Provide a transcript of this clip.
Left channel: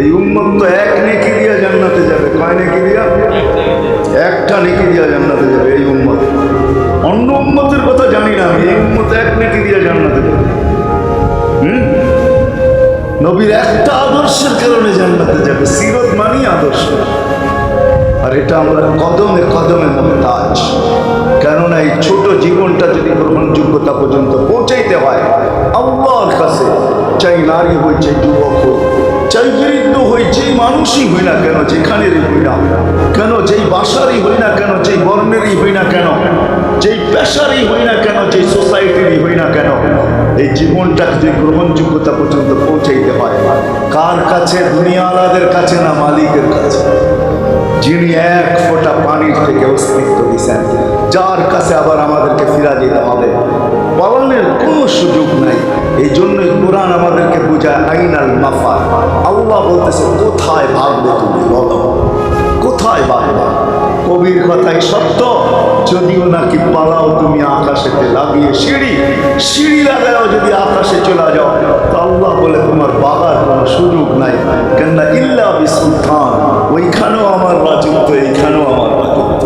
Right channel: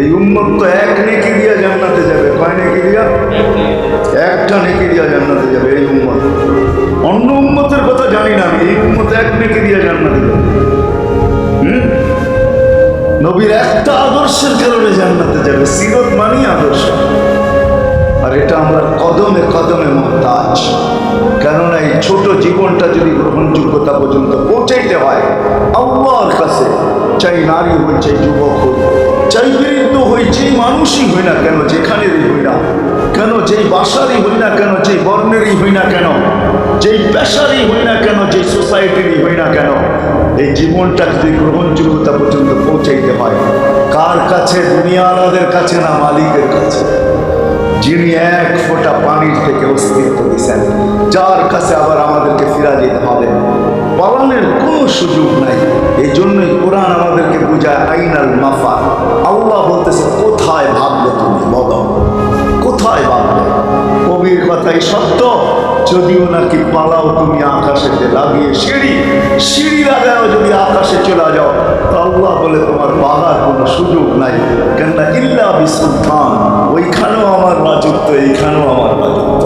এই উম্মত তো এক নেকি দিয়া জান্নাতে যাবে। কয় নেকি দিয়া? একটা নেকি দিয়া জান্নাতে যাবে এই উম্মত। অন্য উম্মতের কথা জানি না আমি, এই উম্মত এক নেকি দিয়া জান্নাতে যাবে। নবীর একটা আদর্শের কারণে জান্নাতে যাবে। সিরত মানি আদর্শ, আর এটা আমরা কদমে কদমে মুহতাজ। কেননা এই ছোট জীবনটা যদি গ্রহণযোগ্যতা পর্যন্ত পৌঁছাইতে হয় আল্লাহর কাছে, চাই নারী হই, চাই যুবক হই, চাই বৃদ্ধ হই, যেই মানুষই হই না কেন, যেখানেরই হই না কেন, যেই বাসারই হই না কেন, যেই বর্ণেরই হই না কেন, যেই পেশারই হই না কেন, যেই সোসাইটিরই হই না কেন, এই জীবনটাকে যদি গ্রহণযোগ্যতা পর্যন্ত পৌঁছাইতে হয় কার কাছে? দুনিয়াওয়ালাদের কাছে না, মালিকের কাছে, যিনি এক ফোঁটা পানির থেকে অস্তিত্ব দিয়েছেন, যার কাছে আবার আমাদেরকে ফিরা যেতে হবে। পালানোর কোনো সুযোগ নাই। এই জন্যই কোরআন আমাদেরকে বোঝায় আইনাল মাফার। আল্লাহ বলতেছে কোথায় ভাববে তুমি, বলো কোথায় ভাববে? কবির কথাই সত্য, যদিও নাকি পালাও তুমি আকাশেতে লাগিয়ে সিঁড়ি, সিঁড়ি লাগাও যদি আকাশে চলে যাও, তো আল্লাহ বলে তোমার বাগার কোনো সুযোগ নাই। কেননা ইল্লা বিসুলতান, ওইখানেও আমার রাজত্ব, এইখানেও আমার রাজত্ব।